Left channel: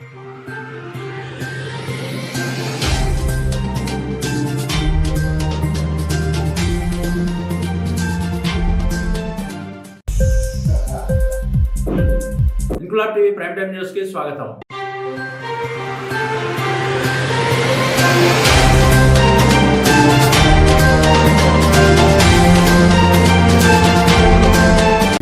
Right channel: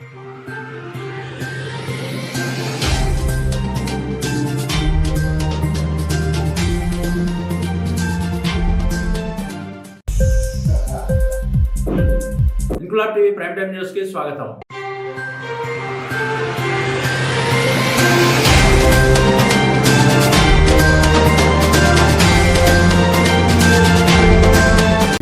Inquilab TV prime time news కి స్వాగతం.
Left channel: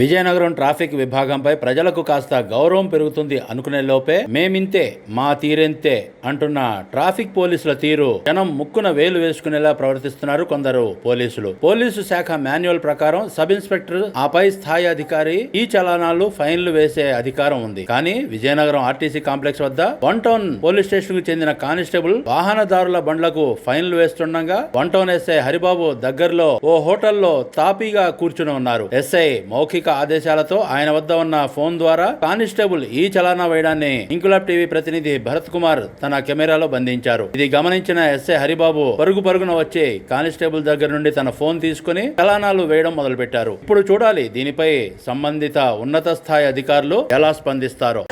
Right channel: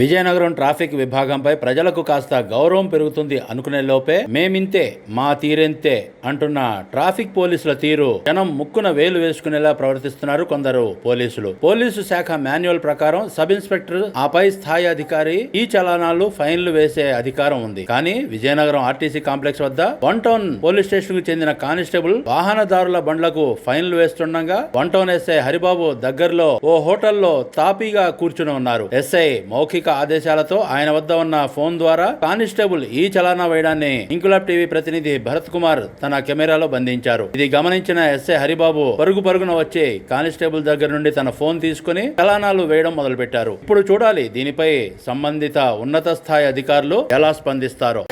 Vizianagaram traffic విభాగంపై ప్రజలకు కాస్త గౌరవం పెరుగుతుంది అనుకునే లోపే మేమింతే మా తీరెంతే అంటున్న ట్రాఫిక్ పోలీసుల తీరు జనం ముక్కున వేలు వేసుకునేలా ప్రవర్తిస్తున్నారు కొందరు పోలీసులు. పోలీసు శాఖ మాన్యువల్ ప్రకారం సబ్ ఇన్స్పెక్టర్ ఆపై స్థాయి అధికారి ఈ చలానాలు ఫైన్లు వేసే అధికారం ఉంది. కానీ విజయనగరం ఆర్టీసీ కాంప్లెక్స్ వద్ద 1 టౌన్ పోలీస్ స్టేషన్ కు చెందిన కానిస్టేబుల్ వాహనదారుల బండ్లకు ఫైన్లు వేస్తుండగా 1 టౌన్ ఎస్ఐ హరిబాబు దగ్గరలో ఓ హోటల్లో తాపీగా కూర్చుని ఉన్నారు. ఎస్ఐ మౌఖిక ఆదేశాలతో ఆయన వద్ద ఉన్న ఫోన్ ద్వారా కానిస్టేబుల్ ఈ చలానా వేయడాన్ని ఇంక్లాబ్ టీవీ ప్రతినిధి భరత్ కుమార్ తన కెమెరాలో బంధించారు. ఇది గమనించిన ఎస్ఐ హరిబాబు పరుగున వచ్చి కానిస్టేబుల్ దగ్గర నుండి తన ఫోన్ తీసుకుని చలానాలు వేయడం మొదలుపెట్టారు. ఇప్పుడు చూడాలి దీనిపై సంబంధిత ఉన్నత స్థాయి అధికారులు ఎలా స్పందిస్తారో.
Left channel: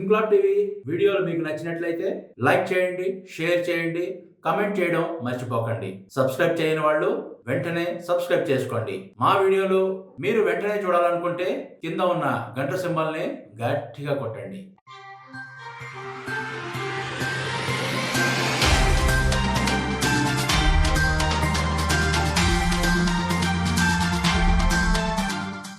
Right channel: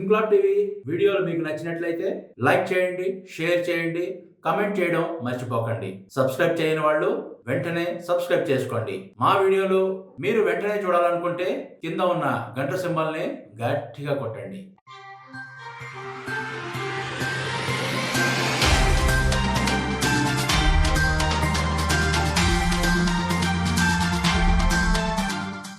ఇంక్లాబ్ టీవీ వీడియోలు మీకు నచ్చినట్లయితే లైక్ చేయండి, షేర్ చేయండి, కమెంట్ చేయడం మర్చిపోకండి. సబ్స్క్రైబ్ చేయని వాళ్ళు వెంటనే సబ్స్క్రైబ్ చేసుకోండి. మా వీడియోలు మీరు వెంటనే చూడాలనుకుంటే కింద ఉన్న గంట సింబల్ని గట్టిగా కొట్టండి.